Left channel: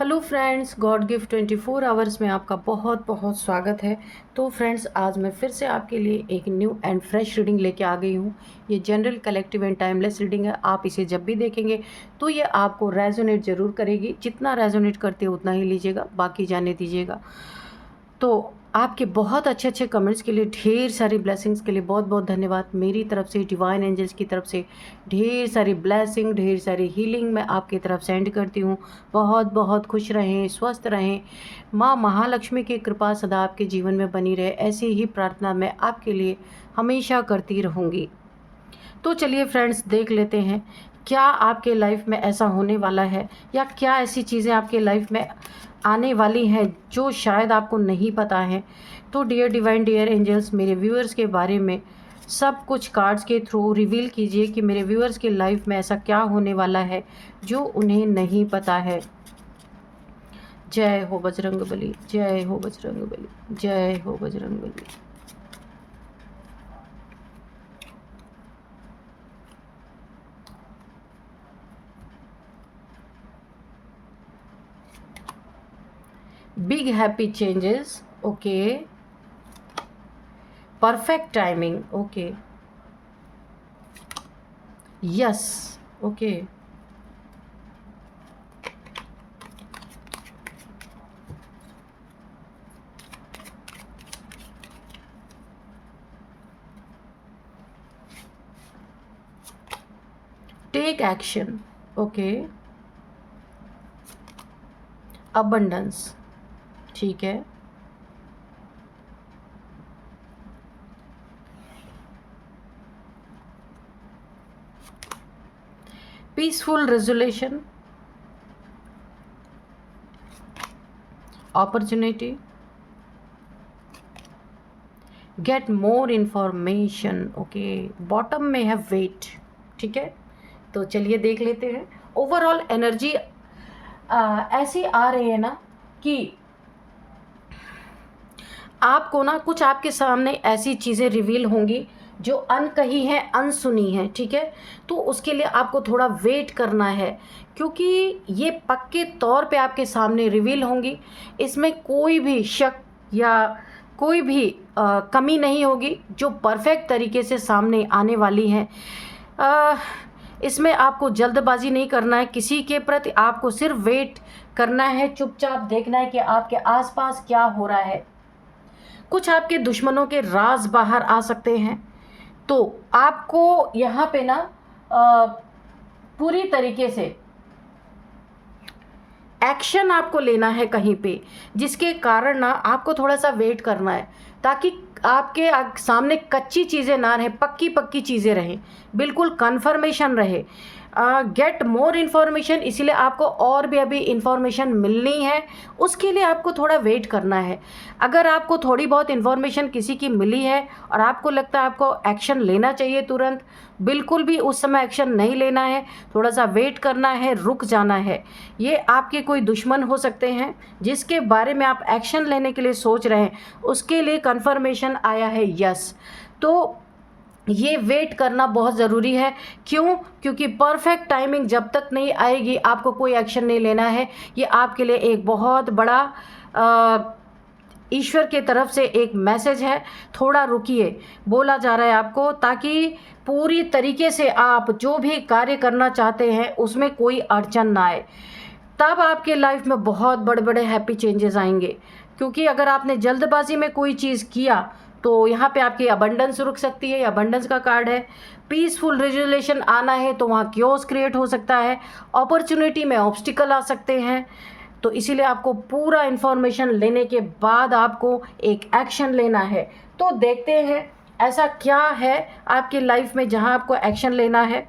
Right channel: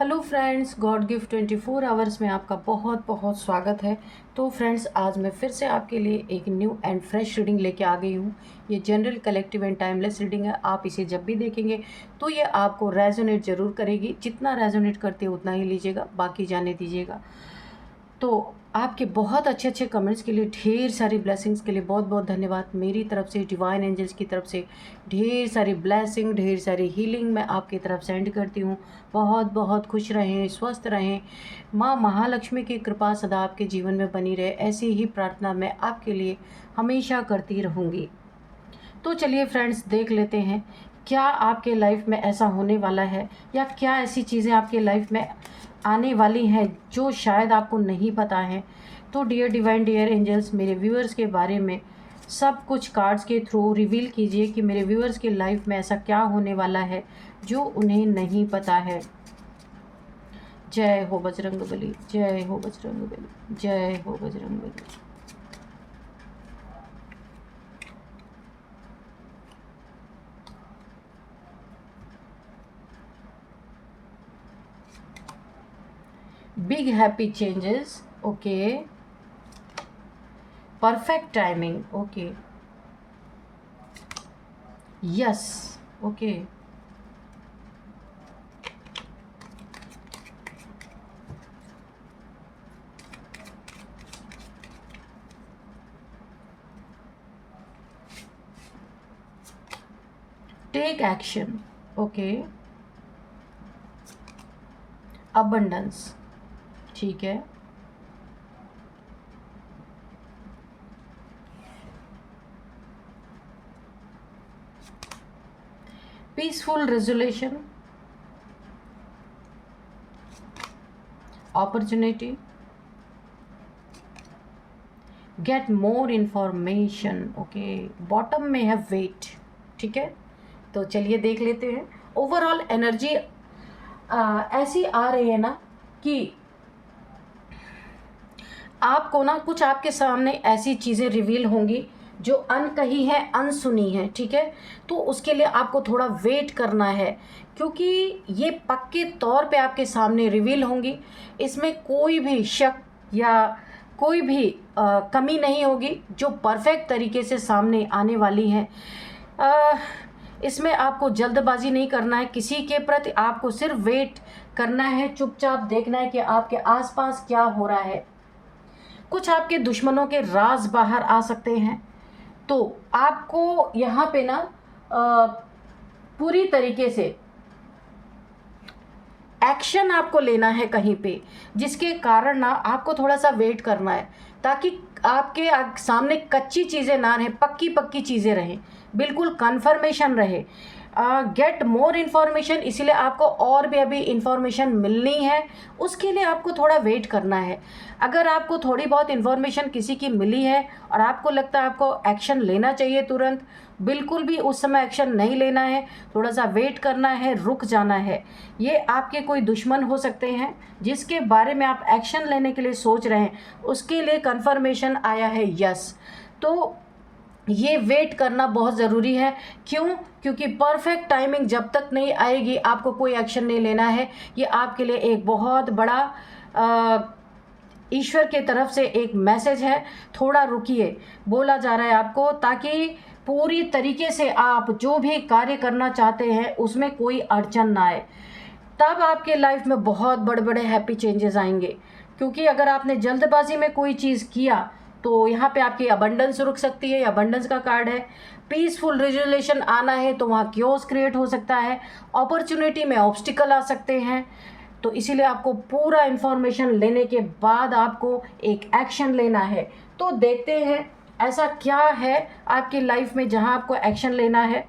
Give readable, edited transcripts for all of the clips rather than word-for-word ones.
Hello friends, God gift 24 hours में आपका बहुत बहुत स्वागत है। तो फ्रेंड्स, आज मैं फिर से आपके लिए एक न्यू एंड फ्रेश रीडिंग लेके आ गई हूँ। ये general, collective and timeless reading है। आप इसे जब भी देखेंगे तो ये आपको रेजोनेट ज़रूर करेगी। जितना रेजोनेट करती है उतना ही लीजिएगा, बाकी जाने दीजिएगा। तो आपके बहुत अच्छे अच्छे कमेंट्स के लिए, ढेर सारी ब्लेसिंग्स के लिए बहुत बहुत धन्यवाद। मेरी तरफ से, डिवाइन एंजल्स की तरफ से ढेर सारी ब्लेसिंग, ढेर सारी हीलिंग मैं आपकी तरफ सेंड करती हूँ। बहुत बहुत खुश रहें, स्वस्थ रहें। माँ महालक्ष्मी की कृपा सदा आपके जीवन में बनी रहे, ऐसी ही प्रार्थना मैं आपके लिए हमेशा करती रहूँगी। तो चलिए फ्रेंड्स, देख लेते हैं क्या आपके लाइफ में ऐसा होने वाला है, या क्या ऐसी चीज़ें आपके लाइफ में आने वाली हैं जो शायद आपको नहीं पता है। तो डियर डिवाइन, डियर एंजल्स, मेरे व्यूअर्स के बारे में सब कुछ कार्ड्स के थ्रू रिवील कीजिए कि मेरे व्यूअर्स की लाइफ में ऐसा क्या होने वाला है जो उन्हें नहीं पता है। जय हो बजरंगबली, जय हो बजरंगबली, जय हो Bajrangbali. Big happy changes, okay. Perfect timing, okay. Yes, okay. Take action, okay. Abundance, ठीक है। Peaceful resolution, opportunity, get more information, okay. Bottom में है वेट, ठीक है। तो चलिए देख लेते हैं। ओवरऑल एनर्जी ऐसी आ रही है ना कि आपको ना कुछ आपके सामने ऐसी चीज़ें रिवील होंगी जो अनकही है, अनसुनी है, ठीक है। तो उसके लिए आपको थोड़ा वेट करना है, क्योंकि ये पक्के तौर पे आपके सामने रिवील होंगी। इसमें कोई भी शक या कोई भी कमी नहीं होगी, जो परफेक्ट तरीके से सामने आने वाली हैं। इसमें आपको जल्दबाजी नहीं करना है किसी के प्रति, आपको सिर्फ वेट करना है, चुपचाप देखना है कि आपके आसपास क्या हो रहा है। कुछ आपके दुश्मनों के राज बाहर आ सकते हैं, तो आपको यहाँ पे ना पूरी तरीके से एक्शन आपको लेना है कहीं पे, जिसके कारण ना आपको थोड़ा सा वेट करना है, ताकि आपके सामने कच्ची चीज़ें ना रहें, पक्की पक्की चीज़ें रहें, बिल्कुल कन्फर्मेशन रहे। गेट मोर इन्फॉर्मेशन, इसीलिए आपको और भी अभी इन्फॉर्मेशन मिलनी है, उसके लिए आपको थोड़ा वेट करना है। अगर आपको थोड़ी बहुत इन्फॉर्मेशन किसी की मिली है और आपको लगता है आपको एक्शन लेना चाहिए तुरंत, बिल्कुल भी उस समय एक्शन नहीं लेना है, थोड़ा सा वेट करना है, रुक जाना है। ये आपके कोई दुश्मन हो सकते हैं जिसके बारे में आप एक्शन लेने के लिए सोच रहे हैं, उसके लिए कन्फर्मेशन आया है यस। तो ये वेट करना बहुत ज़रूरी है। क्यों? क्योंकि परफेक्ट टाइमिंग जब तक नहीं आएगी आपको कोई एक्शन नहीं लेना है। ये आपके लिए एक बहुत बड़ा ईश्वर के तरफ से एक मैसेज है। थोड़ा रुकिए, बोला जा रहा है आपको, ताकि पूरी तरीके से आप जो भी कार्य करना चाहते हैं उसमें कोई अड़चन ना आए। तब आपके लाइफ में बहुत बड़े बड़े हैप्पी चेंजेस आएंगे। क्योंकि अगर आपने जल्दबाजी में कोई चीज़ किया तो यहाँ पे आपकी अबंडेंस रुक सकती है। अबंडेंस का कार्ड है। पीसफुल रिजोल्यूशन आना है तो वहाँ क्योस क्रिएट हो सकता है। अपॉर्चुनिटी में ऑब्स्टिकल आ सकते हैं। तो इसीलिए आपको पूरा इन्फॉर्मेशन लेने के बाद आपको एक एक्शन लेना है। तो देखते हैं ऐसा क्या है आपकी लाइफ में जहाँ आपको एक्शन लेना है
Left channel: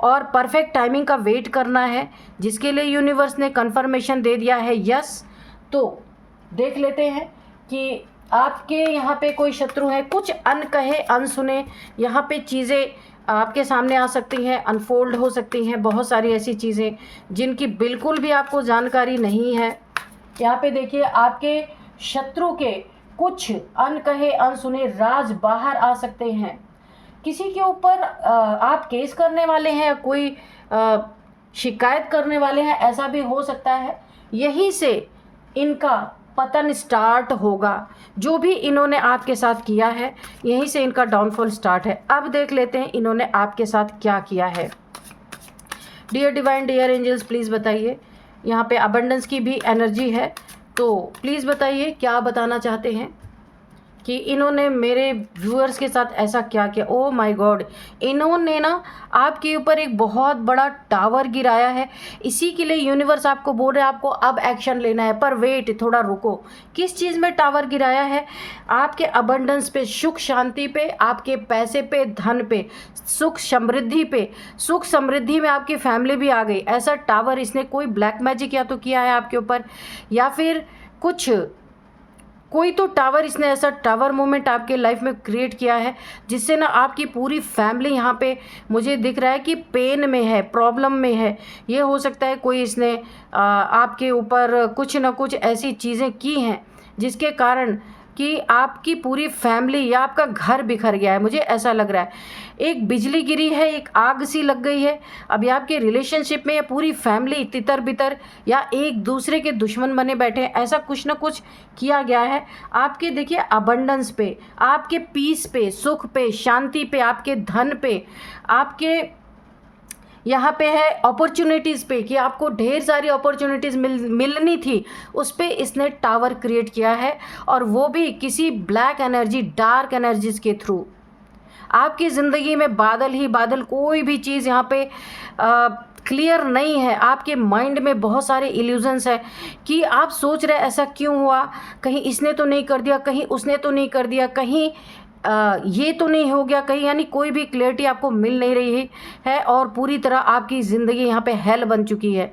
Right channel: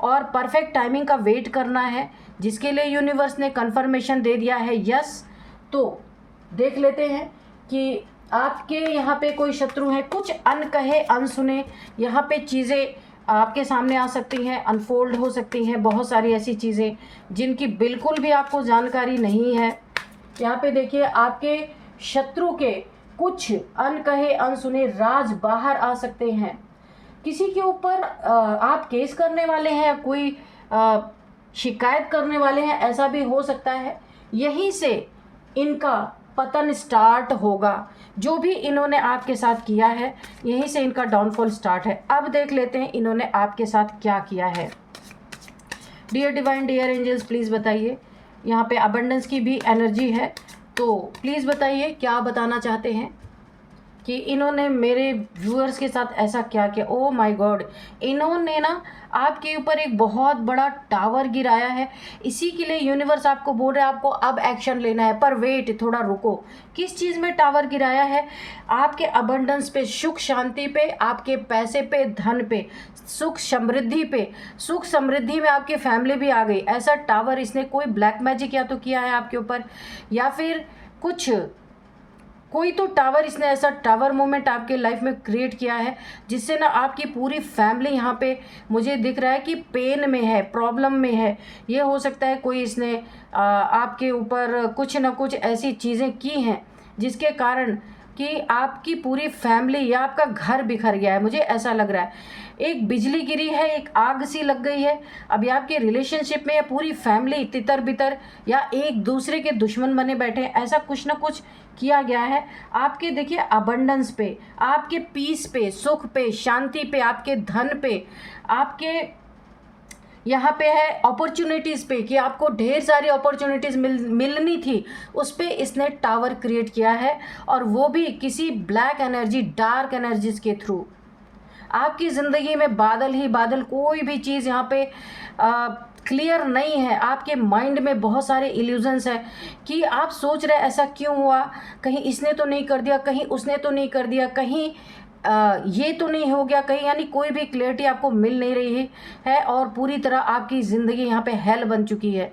और परफेक्ट टाइमिंग का वेट करना है, जिसके लिए यूनिवर्स ने कंफर्मेशन दे दिया है यस। तो देख लेते हैं कि आपके यहाँ पे कोई शत्रु है, कुछ अनकहे अनसुने यहाँ पे चीज़ें आपके सामने आ सकती हैं, अनफोल्ड हो सकती हैं। बहुत सारी ऐसी चीज़ें जिनकी बिल्कुल भी आपको जानकारी नहीं है। यहाँ पे देखिए, आपके शत्रु के कुछ अनकहे अनसुने राज बाहर आ सकते हैं। किसी के ऊपर आप केस करने वाले हैं, कोई शिकायत करने वाले हैं, ऐसा भी हो सकता है। यहीं से इनका पतन स्टार्ट होगा। जो भी इन्होंने आपके साथ किया है, यहीं से इनका डाउनफॉल स्टार्ट है। अब देख लेते हैं इन्होंने आपके साथ क्या किया है। Dear divine, dear angels, please बताइए। यहाँ पे अबंडेंस की भी एनर्जी है, तो प्लीज़ बताइए क्या बताना चाहते हैं कि इन्होंने मेरे व्यूअर्स के साथ ऐसा क्या किया। ओ माय गॉड, इन्होंने ना आपके ऊपर एक बहुत बड़ा टावर गिराया है। इसी के लिए यूनिवर्स आपको बोल रहा है आपको अब एक्शन लेना है। पर वेट, थोड़ा रुको। किस चीज़ में टावर गिराया है? आपके अबंडेंस पे, सुख शांति पे, आपके पैसे पे, धन पे, सुख समृद्धि पे। सुख समृद्धि में आपकी फैमिली भी आ गई। ऐसा टावर इसने कोई ब्लैक मैजिक या तो किया है आपके ऊपर, या फिर कुछ कोई तो टावर, इसने ऐसा टावर मोमेंट आपके लाइफ में क्रिएट किया है जिससे ना आपकी पूरी फैमिली यहाँ पे मुझे दिख रहा है कि पेन में है, प्रॉब्लम में है। ये हो सकता है कोई इसने आपके ऊपर कुछ ना कुछ ऐसी चीज़ें की हैं जिसके कारण कि आपकी पूरी फैमिली या आपका घर बिखर गया है। मुझे ऐसा लग रहा है एक बिजली गिरी है, एक आग सी लग गई है। अभी आपके रिलेशनशिप में या पूरी फैमिली तितर बितर या एक दूसरे के दुश्मन बने बैठे हैं। ऐसा कुछ ना कुछ किया गया है आपके, देखिए, अबंडेंस पे, आपके पीस पे, सुख पे, शांति पे, आपके धन पे, आपके यहाँ पे है अपॉर्चुनिटीज़ पे कि आपको ढेर सारी अपॉर्चुनिटीज़ मिलनी थी, उस पर इसने टावर क्रिएट किया है। और वो भी किसी ब्लैक एनर्जी, डार्क एनर्जीज़ के थ्रू। आपकी ज़िंदगी में बादल ही बादल, कोई भी चीज़ यहाँ पे क्लियर नहीं है। आपके माइंड में बहुत सारे इल्यूजन्स हैं कि आप सोच रहे ऐसा क्यों हुआ, कहीं इसने तो नहीं कर दिया, कहीं उसने तो नहीं कर दिया, कहीं ये तो नहीं हो गया, कहीं, यानी कोई भी क्लियरिटी आपको मिल नहीं रही है और पूरी तरह आपकी ज़िंदगी यहाँ पे हेल बन चुकी है।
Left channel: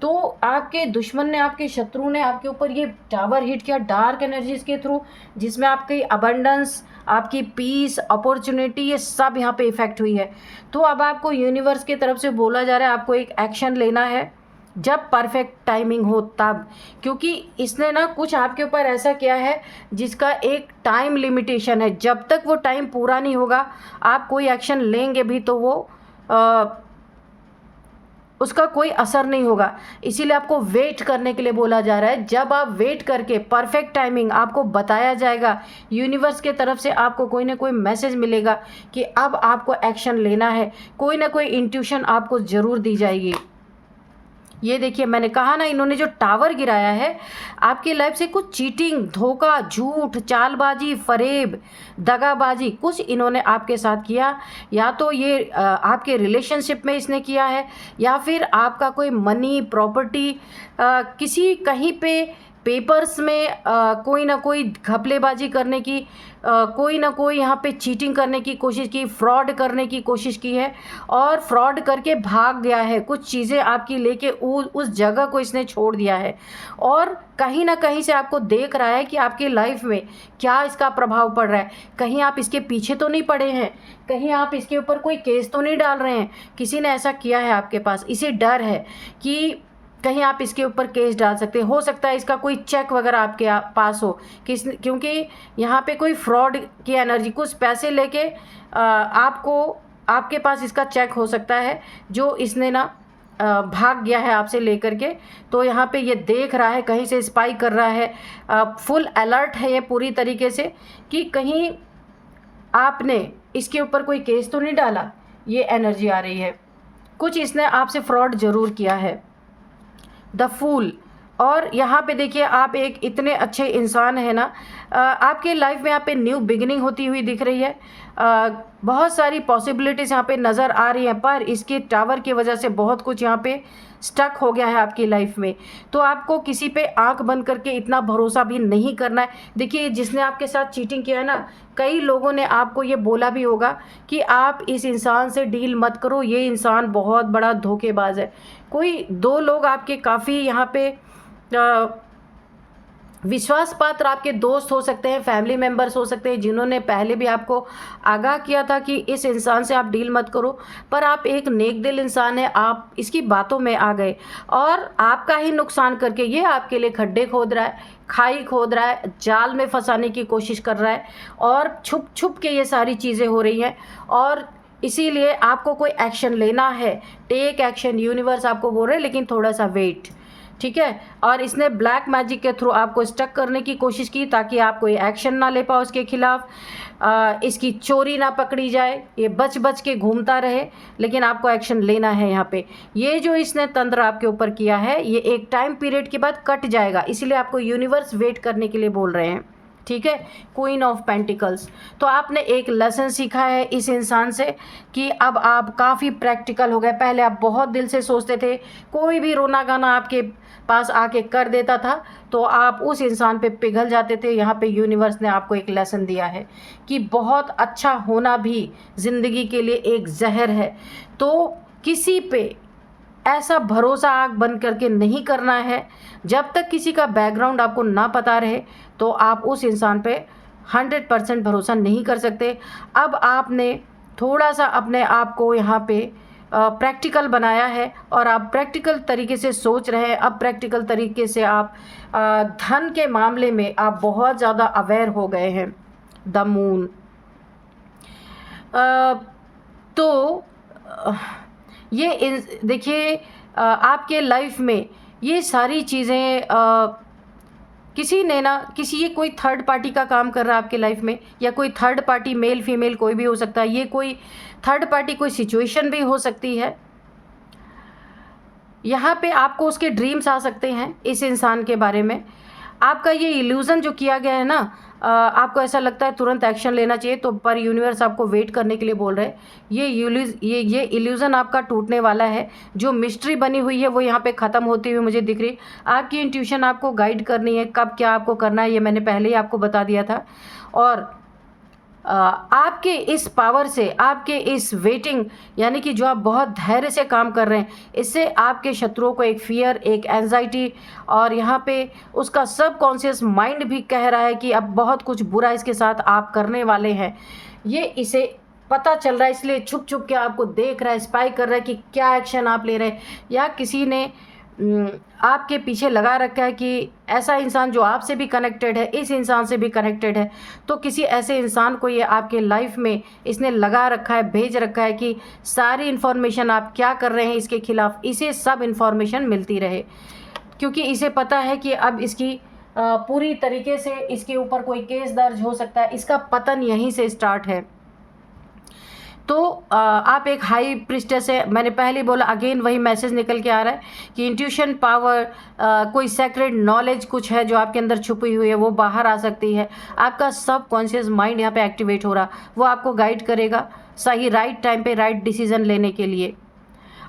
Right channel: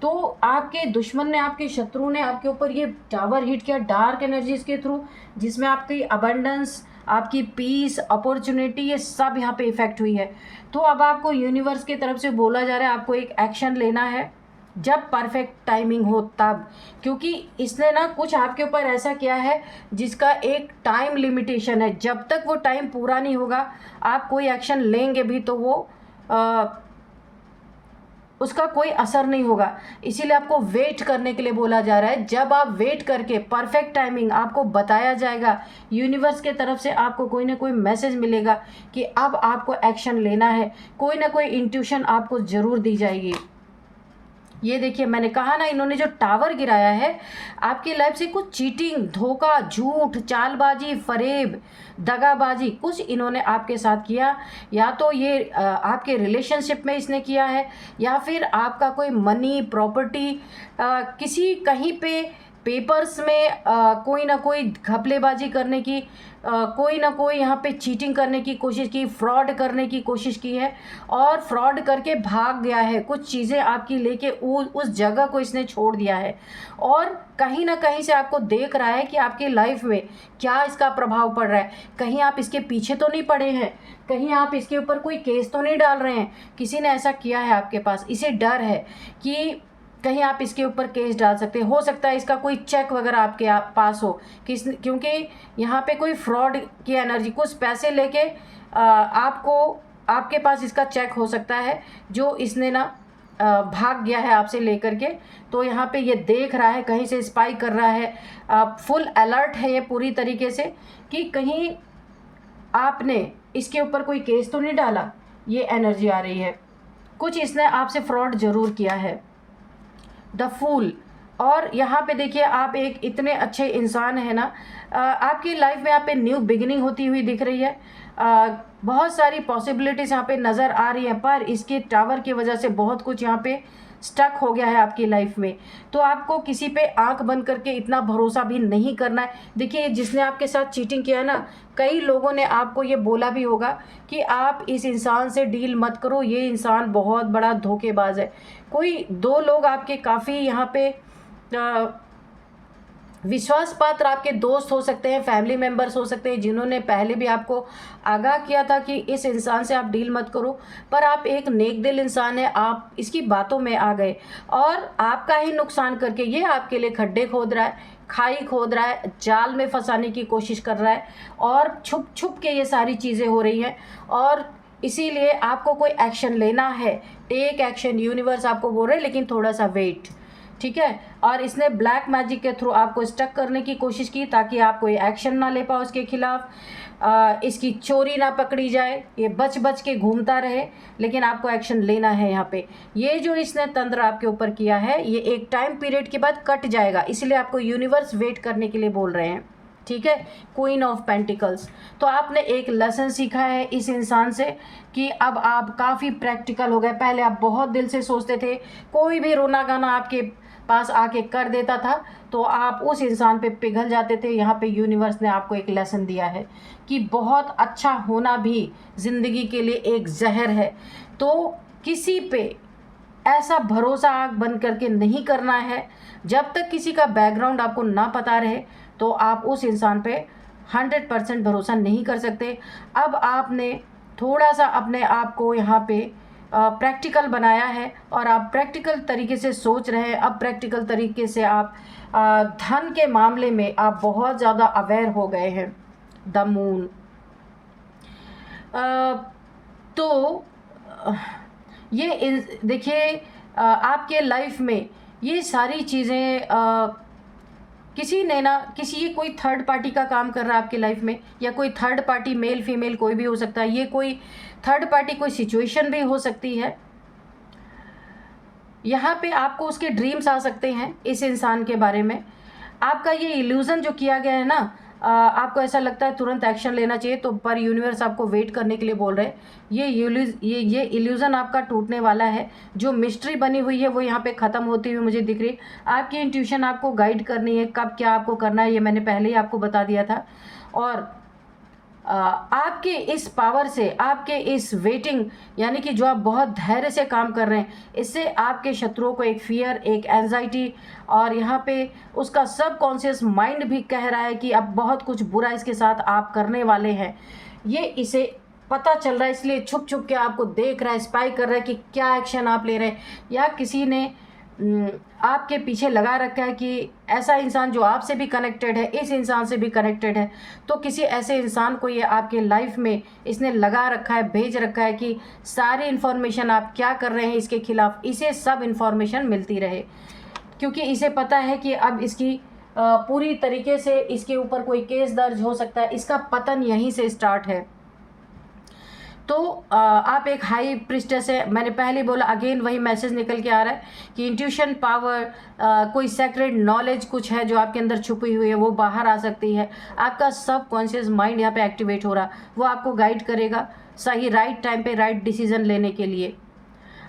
तो आपके दुश्मन ने, आपके शत्रु ने आपके ऊपर ये टावर हिट किया डार्क एनर्जीज़ के थ्रू, जिसमें आपकी अबंडेंस, आपकी पीस, अपॉर्चुनिटी, ये सब यहाँ पे इफ़ेक्ट हुई है। तो अब आपको यूनिवर्स की तरफ से बोला जा रहा है आपको एक एक्शन लेना है जब परफेक्ट टाइमिंग हो तब, क्योंकि इसने ना कुछ आपके ऊपर ऐसा किया है जिसका एक टाइम लिमिटेशन है। जब तक वो टाइम पूरा नहीं होगा, आप कोई एक्शन लेंगे भी तो वो उसका कोई असर नहीं होगा। इसीलिए आपको वेट करने के लिए बोला जा रहा है। जब आप वेट करके परफेक्ट टाइमिंग आपको बताया जाएगा, यूनिवर्स के तरफ से आपको कोई ना कोई मैसेज मिलेगा कि अब आपको एक्शन लेना है, कोई ना कोई इंट्यूशन आपको ज़रूर दी जाएगी। ये देखिए, मैंने कहा ना, इन्होंने जो टावर गिराया है आपकी लाइफ से कुछ चीटिंग, धोखा, झूठ, चालबाजी, फरेब, दगाबाजी कुछ इन्होंने आपके साथ किया। या तो ये आपके रिलेशनशिप में इसने किया है, या फिर आपका कोई मनी, प्रॉपर्टी, किसी कहीं पे पेपर्स में कोई ना कोई घपलेबाजी करने की, कोई ना कोई यहाँ पे चीटिंग करने की कोशिश की, फ्रॉड करने की कोशिश की है और फ्रॉड करके भाग गया है। कुछ चीज़ें आपकी लेके उस जगह को इसने छोड़ दिया है और कहीं ना कहीं से आपको देख रहा है कि आपकी लाइफ में क्या इसका प्रभाव पड़ रहा है। कहीं आप इसके पीछे तो नहीं पड़े हैं, कहीं आप इसके ऊपर कोई केस तो नहीं डाल रहे हैं। किसी ने ऐसा किया है आपके पास, इसे डर है कि कहीं आप इसके ऊपर केस डाल सकते हो सकता है इसका कोई चेक वगैरह आपके पास हो, क्योंकि यहाँ पे कोई फ्रॉड की एनर्जी, कुछ पैसे लेके आपको, आपके पास इसका चेक हो सकता है जो इसने ना भाग गया है आपसे लेकर के। तो यहाँ पे ये देख रहा है, कहीं से स्पाई कर रहा है, फुल अलर्ट है ये पूरी तरीके से कि कहीं आपने इसके ऊपर कोई केस तो नहीं डाला। ये एनर्जी आ रही है, कुछ इसने आपसे फ्रॉड ज़रूर किया है। The fool. और यहाँ पे देखिए, आप एक इतने अच्छे इंसान हैं ना, आपकी लाइफ में यहाँ पे न्यू बिगिनिंग होती हुई दिख रही है। बहुत सारी पॉसिबिलिटीज़ यहाँ पे नज़र आ रही हैं, पर इसके टावर की वजह से बहुत कुछ यहाँ पे स्टक हो गया है आपकी लाइफ में। तो आपको किसी पे आंख बंद करके इतना भरोसा भी नहीं करना है। देखिए, जिसने आपके साथ चीटिंग किया है ना, कई लोगों ने आपको ये बोला भी होगा कि आप इस इंसान से डील मत करो, ये इंसान बहुत बड़ा धोखेबाज है। कोई दो लोग आपके काफ़ी यहाँ पे विश्वास पात्र आपके दोस्त हो सकते हैं, फैमिली मेम्बर्स हो सकते हैं, जिन्होंने पहले भी आपको आगाह किया था कि इस इंसान से आप डील मत करो, पर आप एक नेक दिल इंसान है, आप इसकी बातों में आ गए और आपका ही नुकसान करके ये आपके लिए खड्डे खोद रहा है, खाई खोद रहा है, जाल में फंसाने की कोशिश कर रहा है और छुप छुप के ये सारी चीज़ें हो रही हैं। और इसीलिए आपको कोई एक्शन लेना है, टेक एक्शन, यूनिवर्स आपको बोल रहे हैं, लेकिन थोड़ा सा वेट, ठीक है। और इसने ब्लैक मैजिक के थ्रू आपको स्टक करने की कोशिश की ताकि आप कोई एक्शन ना ले पाओ इसके खिलाफ, इसकी चोरी ना पकड़ी जाए, ये बच बच के घूमता रहे, लेकिन आपको एक्शन लेना है यहाँ पे। ये जो इसने तंत्र आपके ऊपर किया है ये एक टाइम पीरियड के बाद कट जाएगा, इसलिए आपको यूनिवर्स वेट करने के लिए बोल रहे हैं, ठीक है। Queen of pentacles. तो आपने एक लेसन सीखा है इस इंसान से कि अब आप काफ़ी प्रैक्टिकल हो गए। पहले आप बहुत दिल से सोचते थे, कोई भी रोना गाना आपके पास आके कर देता था तो आप उस इंसान पे पिघल जाते थे। यहाँ पे यूनिवर्स ने आपको एक लेसन दिया है कि बहुत अच्छा होना भी ज़िंदगी के लिए एक जहर है। तो किसी पे ऐसा भरोसा आँख बंद करके नहीं करना है, जब तक किसी का बैकग्राउंड आपको ना पता रहे तो आप उस इंसान पे 100% भरोसा नहीं कर सकते। अब आपने थोड़ा सा अपने आप को यहाँ पे प्रैक्टिकल बनाया है और आप प्रैक्टिकल तरीके से सोच रहे हैं। अब प्रैक्टिकल तरीके से आप धन के मामले में आप बहुत ज़्यादा अवेयर हो गए हैं। The moon. तो ये देखिए आपके लाइफ में ये सारी चीज़ें किसी ने ना ये कोई थर्ड पार्टी का काम कर रहा है आपके लाइफ में, या कोई थर्ड पार्टी मेल फीमेल कोई भी हो सकता है। ये कोई थर्ड पार्टी कोई सिचुएशन भी हो सकती है। यहाँ पे आपको उसके ड्रीम्स आ सकते हैं इस इंसान के बारे में। आपका ये इल्यूज़न जो किया गया है ना, आपको ऐसा लगता है तुरंत एक्शन लेना चाहिए, तो पर यूनिवर्स आपको वेट करने के लिए बोल रहे हैं। ये इल्यूज़न आपका टूटने वाला है। जो मिस्ट्री बनी हुई है वो यहाँ पे ख़त्म होती हुई मुझे दिख रही। आपकी इंट्यूशन आपको गाइड करनी है, कब क्या आपको करना है ये मैंने पहले ही आपको बता दिया था। और आपके इस पावर से, आपके इस वेटिंग यानी कि जो आप बहुत धैर्य से काम कर रहे हैं, इससे आपके शत्रुओं को एक फियर, एक एंजाइटी, और यहाँ पे उसका सबकॉन्शियस माइंड भी कह रहा है कि अब बहुत कुछ बुरा इसके साथ आप करने वाले हैं। ये इसे पता चल रहा है, इसलिए छुप छुप के आपको देख रहा है, स्पाई कर रहा है कि क्या एक्शन आप ले रहे हैं, या किसी ने आपके पीछे लगा रखा है कि ऐसा इंसान जो आपसे भी कनेक्टेड है, इस इंसान से भी कनेक्टेड है। तो किसी ऐसे इंसान को ये आपके लाइफ में इसने लगा रखा है, भेज रखा है कि सारी इन्फॉर्मेशन आप क्या कर रहे हैं इसके खिलाफ, इसे सब इन्फॉर्मेशन मिलती रहे, क्योंकि इसे पता है कि अब इसकी पूरी तरीके से इसके ऊपर कोई केस दर्ज हो सकता है। इसका पतन यहीं से स्टार्ट है। तो आप एक हाई प्रिस्टेस है, मैंने पहले बोला, अगेन वही मैसेज निकल के आ रहा है कि इंट्यूशन पावर, कोई सेक्रेट नॉलेज कुछ है जो आपके अंदर छुपी हुई है, वो बाहर आ सकती है। आपका सब कॉन्शियस माइंड यहाँ पे एक्टिवेट हो रहा, वो आपको गाइड करेगा सही राइट टाइम पे राइट डिसीजन लेने के लिए।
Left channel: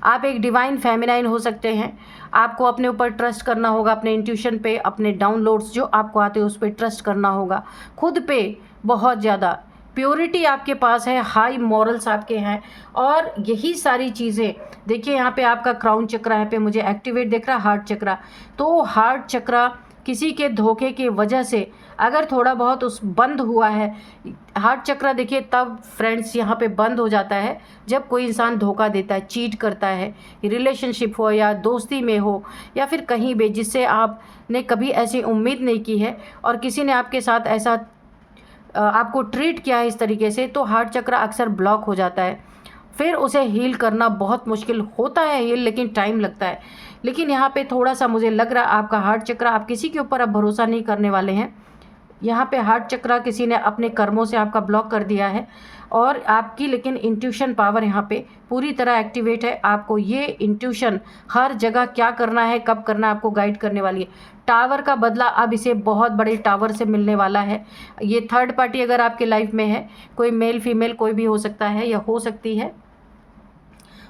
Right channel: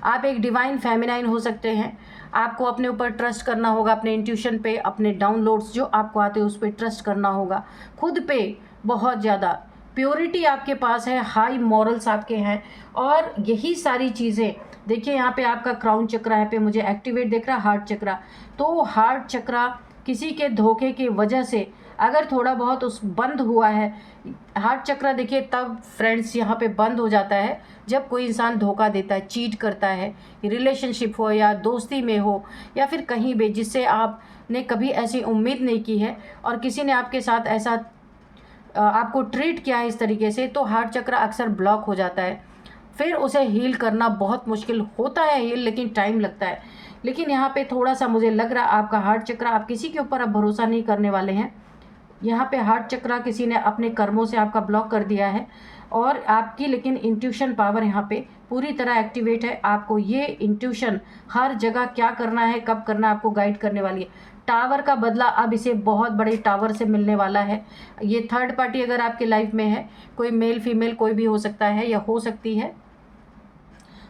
आप एक डिवाइन फेमिनाइन हो सकते हैं। आपको अपने ऊपर ट्रस्ट करना होगा, अपने इंट्यूशन पे, अपने डाउनलोड्स जो आपको आते हैं उस पर ट्रस्ट करना होगा, खुद पे बहुत ज़्यादा प्योरिटी आपके पास है, हाई मॉरल्स आपके हैं। और यही सारी चीज़ें देखिए, यहाँ पे आपका क्राउन चक्रा है पे मुझे एक्टिवेट दिख रहा, हार्ट चक्रा। तो हार्ट चक्रा किसी के धोखे की वजह से अगर थोड़ा बहुत उस बंद हुआ है, हार्ट चक्रा देखिए तब फ्रेंड्स यहाँ पे बंद हो जाता है जब कोई इंसान धोखा देता है, चीट करता है, रिलेशनशिप हो या दोस्ती में हो या फिर कहीं भी, जिससे आपने कभी ऐसी उम्मीद नहीं की है और किसी ने आपके साथ ऐसा आपको ट्रीट किया है इस तरीके से, तो हार्ट चक्र अक्सर ब्लॉक हो जाता है। फिर उसे हील करना बहुत मुश्किल होता है हील, लेकिन टाइम लगता है। लेकिन यहाँ पे थोड़ा सा मुझे लग रहा आपका हार्ट चक्र, आप किसी के ऊपर अब भरोसा नहीं करने वाले हैं। यहाँ पे हार्ट चक्र किसी ने अपने कर्मों से आपका ब्लॉक कर दिया है और आपकी लेकिन इंट्यूशन पावर यहाँ पे पूरी तरह एक्टिवेट है। आपको ये इंट्यूशन हर जगह क्या करना है, कब करना है, आपको गाइड करने वाली है। टावर का बदला अब इसे बहुत बड़े टावर से मिलने वाला है। ये थर्ड पार्टी अगर आपके लाइफ में है, कोई मेल फीमेल कोई भी हो सकता है या हो सकती है,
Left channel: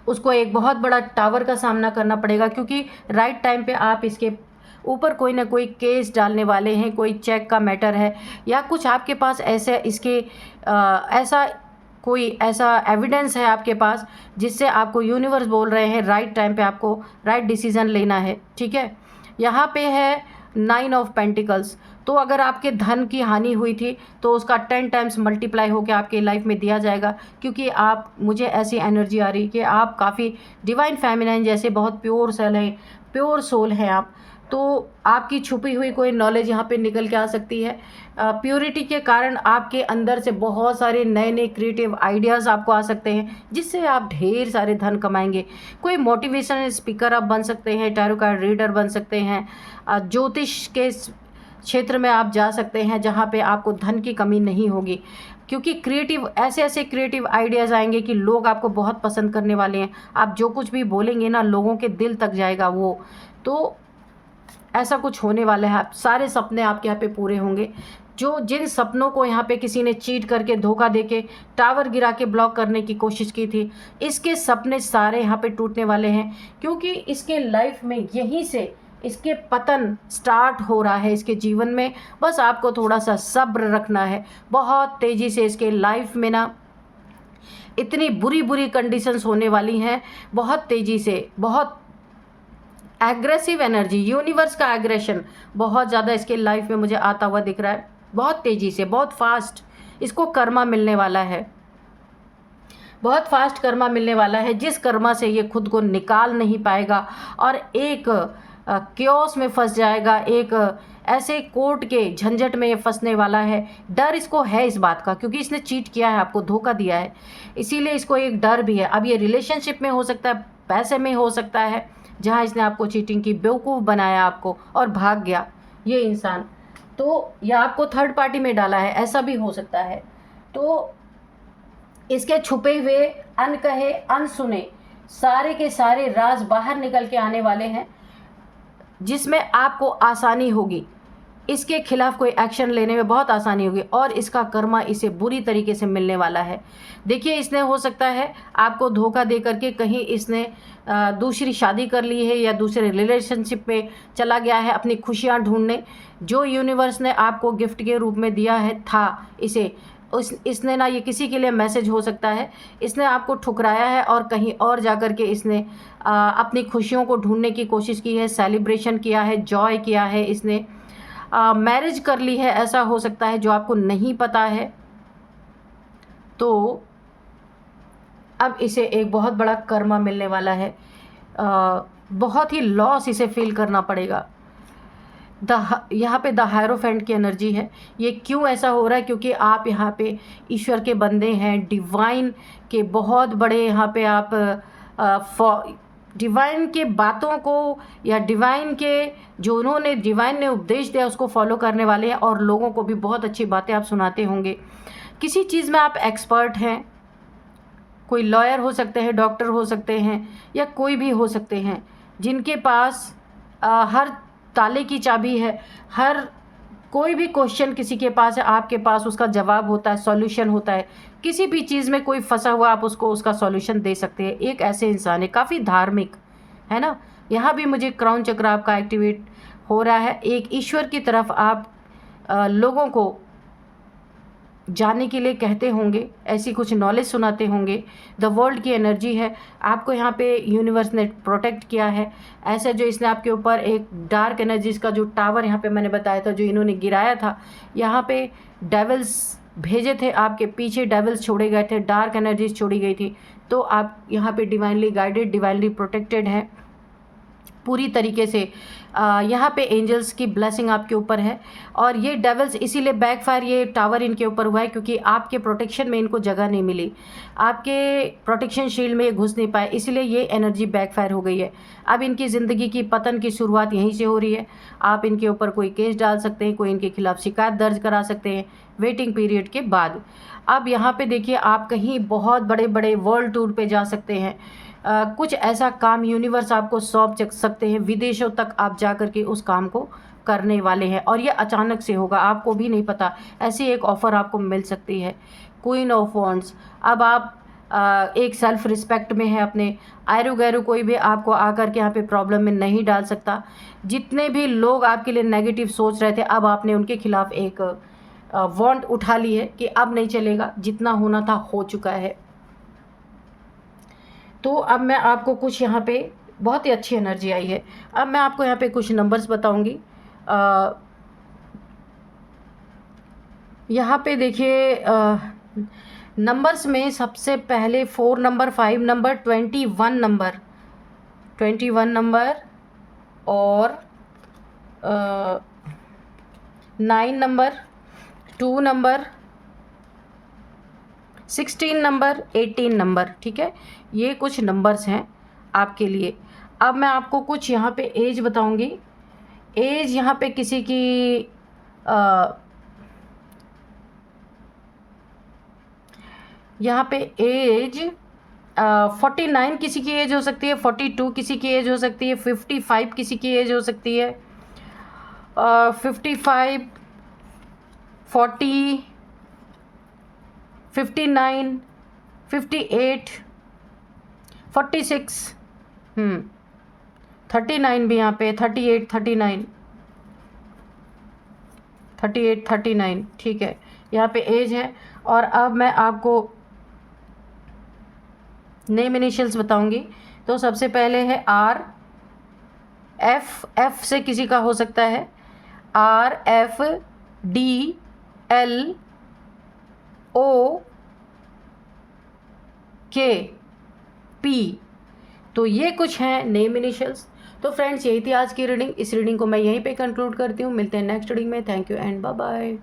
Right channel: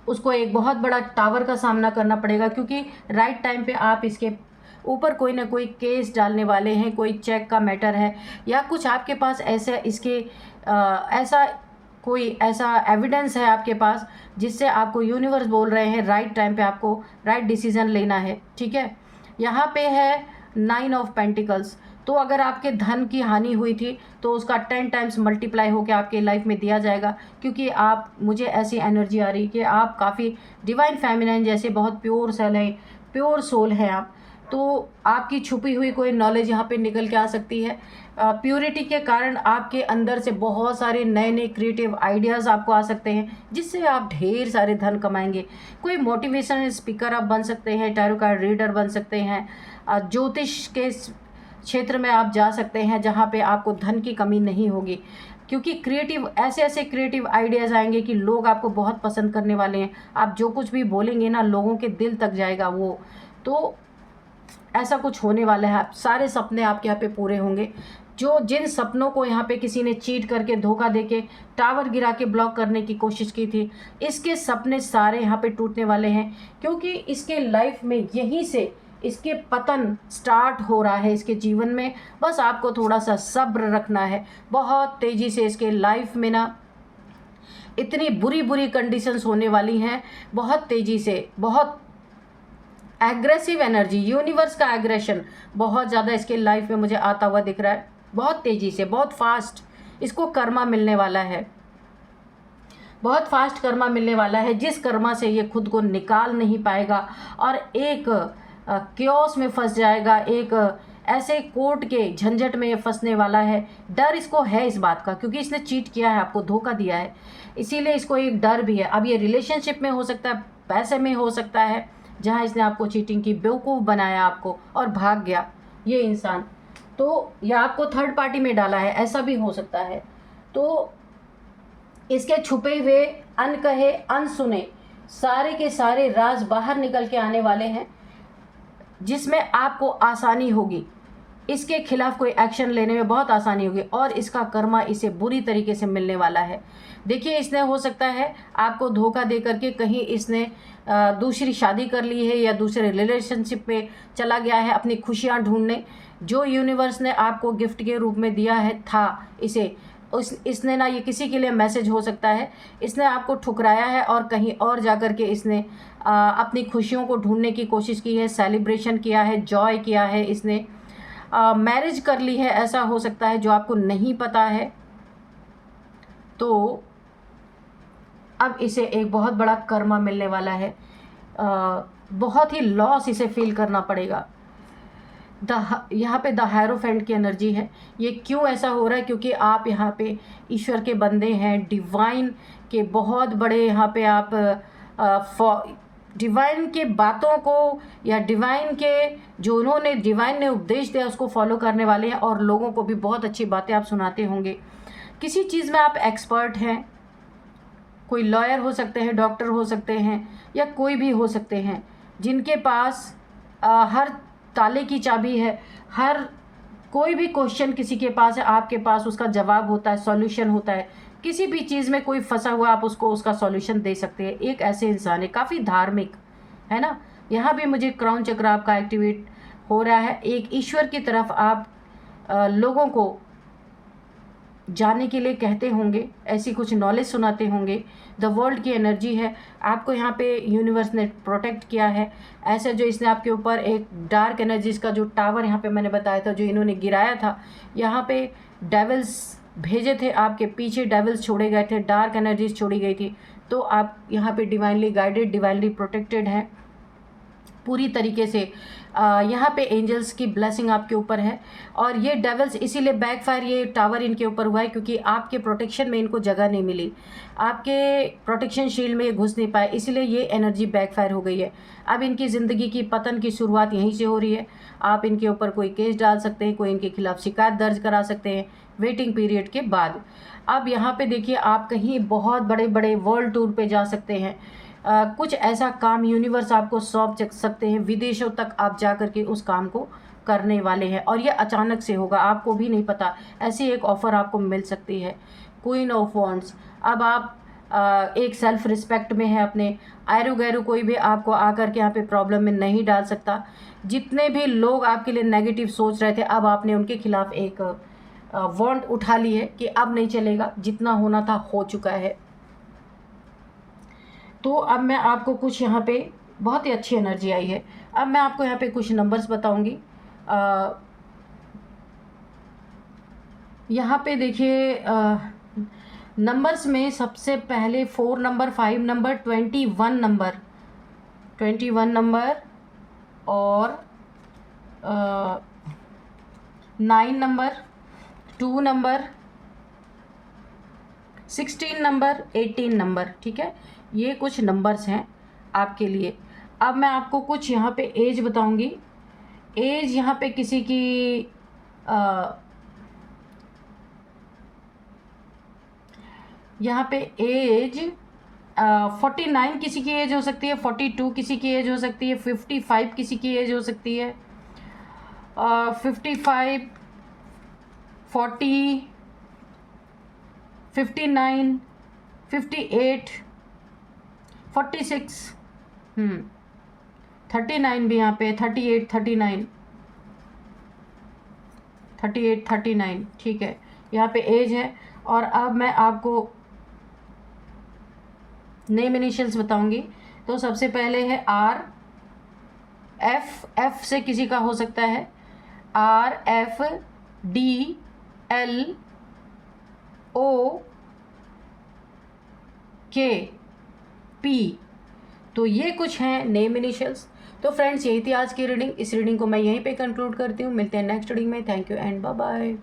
उसको एक बहुत बड़ा टावर का सामना करना पड़ेगा, क्योंकि राइट टाइम पे आप इसके ऊपर कोई ना कोई केस डालने वाले हैं, कोई चेक का मैटर है या कुछ आपके पास ऐसे इसके ऐसा एविडेंस है आपके पास जिससे आपको यूनिवर्स बोल रहे हैं राइट टाइम पे आपको राइट डिसीजन लेना है। ठीक है, यहाँ पे है 9 ऑफ पेंटिकल्स। तो अगर आपके धन की हानि हुई थी तो उसका 10 टाइम्स मल्टीप्लाई होकर आपके लाइफ में दिया जाएगा, क्योंकि आप, मुझे ऐसी एनर्जी आ रही कि आप काफ़ी डिवाइन फेमिनाइन जैसे बहुत प्योर सेल हैं, प्योर सोल हैं आप। तो आपकी छुपी हुई कोई नॉलेज यहाँ पे निकल के आ सकती है। प्योरिटी के कारण आपके अंदर से बहुत सारे नए नए क्रिएटिव आइडियाज़ आपको आ सकते हैं, जिससे आप ढेर सारे धन कमाएंगे। कोई मोटिवेशनल स्पीकर आप बन सकते हैं, टैरो कार्ड रीडर बन सकते हैं, ज्योतिष के क्षेत्र में आप जा सकते हैं जहाँ पे आपको धन की कमी नहीं होगी, क्योंकि क्रिएटिव ऐसे ऐसे क्रिएटिव आइडियाज़ आएंगे कि लोग आपको बहुत पसंद करने वाले हैं। आप जो कुछ भी बोलेंगे ना, लोगों के दिल तक जाएगा वो। तो ऐसा कुछ होने वाला है। आप सारे सपने आपके यहाँ पे पूरे होंगे। जो जिन सपनों को यहाँ पे किसी ने चीट करके, धोखा देके, टावर गिरा के ब्लॉक करने की कोशिश की थी, इसके सपने सारे यहाँ पे टूटने वाले हैं, क्योंकि इसके लाइफ में यहीं से इसके पतन स्टार्ट हो रहा है इसके जीवन में। बस आपको थोड़ा सा सब्र रखना है। बहुत तेज़ी से इसके लाइफ में ना इतनी बुरी बुरी कंडीशंस होने वाली हैं, बहुत तेज़ी से, बहुत एग्रेसिव एनर्जी, यूनिवर्स का एग्रेशन बहुत ज़्यादा इसके लाइफ में मुझे आता हुआ दिख रहा है, बहुत तेज़ी से, बहुत फास्ट इसको कर्मा मिलने वाला है, बहुत फास्ट कर्मा मिलने वाला है, जिस कर्मा से ये खुद को निकाल नहीं पाएगा और एक क्योस में फंस जाएगा, एक ऐसे कोर्ट के झंझट में फंसने वाला है। डर इसको है इस बात का, क्योंकि इसने चीट किया है, आपको धोखा दिया है, इसीलिए इसको एक डर भी है। अब ये रिलेशनशिप में हो सकता है, पैसे में हो सकता है, जहाँ इसने आपको चीटिंग की, बेवकूफ़ बनाया आपको और भाग गया ये इंसान, तो या आपको थर्ड पार्टी में डाला है, ऐसा भी हो सकता है। तो इसके छुपे हुए, अनकहे, अनसुने सारे के सारे राज बाहर निकल के आने वाले हैं, जिसमें आपको आसानी होगी, इसके खिलाफ कोई एक्शन लेने में बहुत आसानी होगी, और इसका कर्मा इसे बुरी तरीके से मिलने वाला है। देखिए, इसने हो सकता है आपको धोखा दे करके कहीं इसने दूसरी शादी कर ली है या दूसरे रिलेशनशिप में चला गया है अपनी खुशियाँ ढूंढने। जो यूनिवर्स ने आपको गिफ्ट के रूप में दिया है था इसे, इसने ना, ये किसी के लिए मैसेज हो सकता है, इसने आपको ठुकराया है और कहीं और जा कर के इसने अपनी खुशियों को ढूंढने की कोशिश की है, सेलिब्रेशन किया है, जॉय किया है, इसने मैरिज कर ली है, ऐसा हो सकता है जो आपको नहीं पता है। तो अब इसे एक बहुत बड़ा कर्मा मिलने वाला है, बहुत ही लॉस इसे फील करना पड़ेगा। यहाँ पे द हायरोफेंट की एनर्जी है। ये क्यों ऐसा हो रहा है? क्योंकि आप यहाँ पे ईश्वर के बंदे हैं, डिवाइन के बहुत बड़े, यहाँ पे आप डिवाइन के बातों को या डिवाइन के जो उन्होंने, डिवाइन ने उपदेश दिया उसको फॉलो करने वाले हैं, और लोगों को भी बहुत अच्छी बातें आप सुनाते होंगे। किसी चीज़ में आप एक्सपर्ट हैं, कोई लॉयर हो सकते हैं, डॉक्टर हो सकते हैं, या कोई भी हो सकते हैं, जिनके पास हर ताले की चाबी है, हर कोई भी क्वेश्चन किसी के पास है, आपके पास उसका जवाब होता है, सॉल्यूशन होता है। किसी भी चीज़ में कोई फंसा हुआ, आप उसको उसका सॉल्यूशन दे सकते हैं। एक ऐसे इंसान है, काफ़ी धार्मिक है ना। यहाँ भी मुझे क्राउन चक्र आपका एक्टिवेट हो रहा है। एक ईश्वर की तरफ आप लोगों को जाने के लिए कहते होंगे, ऐसी कुछ नॉलेज सुनाते होंगे। द वर्ल्ड की एनर्जी है, आपको यहाँ पे यूनिवर्स ने प्रोटेक्ट किया है। ऐसा जो इसने आपके ऊपर एक डार्क एनर्जीज का जो टावर यहाँ पे मैंने बताया था, जो इन्होंने गिराया था, यहाँ पे डेविल्स भेजे थे आपके पीछे, डेविल्स छोड़े गए थे, डार्क एनर्जीज छोड़ी गई थी। तो आप यहाँ पे डिवाइनली गाइडेड, डिवाइनली प्रोटेक्टेड हैं पूरी तरीके से। यहाँ पे एंजल्स की ब्लेसिंग आपके ऊपर है, और ये डेविल्स इसीलिए बैकफायर, ये टावर इनके ऊपर हुआ है क्योंकि आपके प्रोटेक्शन में इनको जगह नहीं मिली, आपके प्रोटेक्शन शील्ड में ये घुस नहीं पाए, इसीलिए ये एनर्जी बैकफायर हो गई है। अब इनकी ज़िंदगी की पतन की शुरुआत यहीं से हो रही है। आप इनके ऊपर कोई केस डाल सकते हैं, कोई इनके खिलाफ शिकायत दर्ज करा सकते हैं वेटिंग पीरियड के बाद। अब यहाँ पे देखिए, आप कहीं बहुत बड़े बड़े वर्ल्ड टूर पे जा सकते हैं। कुछ ऐसा काम यूनिवर्स आपको सौंप सकते हैं, विदेशों तक आप जा कर के उस काम को करने वाले हैं, और ये अचानक से होगा, आपको भी नहीं पता। ऐसी एक ऑफ़र आपको मिल सकती है। क्वीन ऑफ वॉन्ड्स, अब आप एक सेल्फ रिस्पेक्ट में है अपने, आयरु गैरु कोई भी आपको आकर के यहाँ पे प्रॉब्लम में नहीं डाल सकता। जितने भी लोग आपके लिए नेगेटिव सोच रहे थे, अब आपने उनके खिलाफ एक वॉन्ट उठा ली है कि अब नहीं चलेगा, जितना होना था हो चुका है। तो अब मैं आपको कुछ यहाँ पे बहुत ही अच्छी एनर्जी आई है। अब मैं आपको यहाँ पे कुछ नंबर्स बताऊँगी। यहाँ पे देखिए, नंबर्स में सबसे पहले 4 नंबर, 5 नंबर, 21 नंबर, 21 नंबर और 9 नंबर, 2 नंबर, 16 नंबर, 18 नंबर। ठीक है, ये कुछ नंबर्स हैं आपके लिए। अब मैं आपको कुछ यहाँ पे एज बताऊंगी। एज यहाँ पे किसी की यहाँ पे एज 49 किसी की एज हो सकती है, 42 किसी की एज हो सकती है, 55 किसी की एज हो सकती है, 55, 40, 59, 58, 46, 39 भी यहाँ पे, 38, 39, 38, 39। ठीक है, यहाँ पे एज है। और अब मैं आपको नेम इनिशियल्स बताऊंगी। तो सबसे पहले है आर, एफ से किसी का हो सकता है, आर, एफ, डी, एल, ओ, के, पी। तो ये कुछ हैं नेम इनिशियल्स। तो फ्रेंड्स, यही थी आज की रीडिंग। इस रीडिंग को मैं यहीं पे कंक्लूड करती हूँ। मिलते हैं नेक्स्ट रीडिंग में। Thank you and bye bye.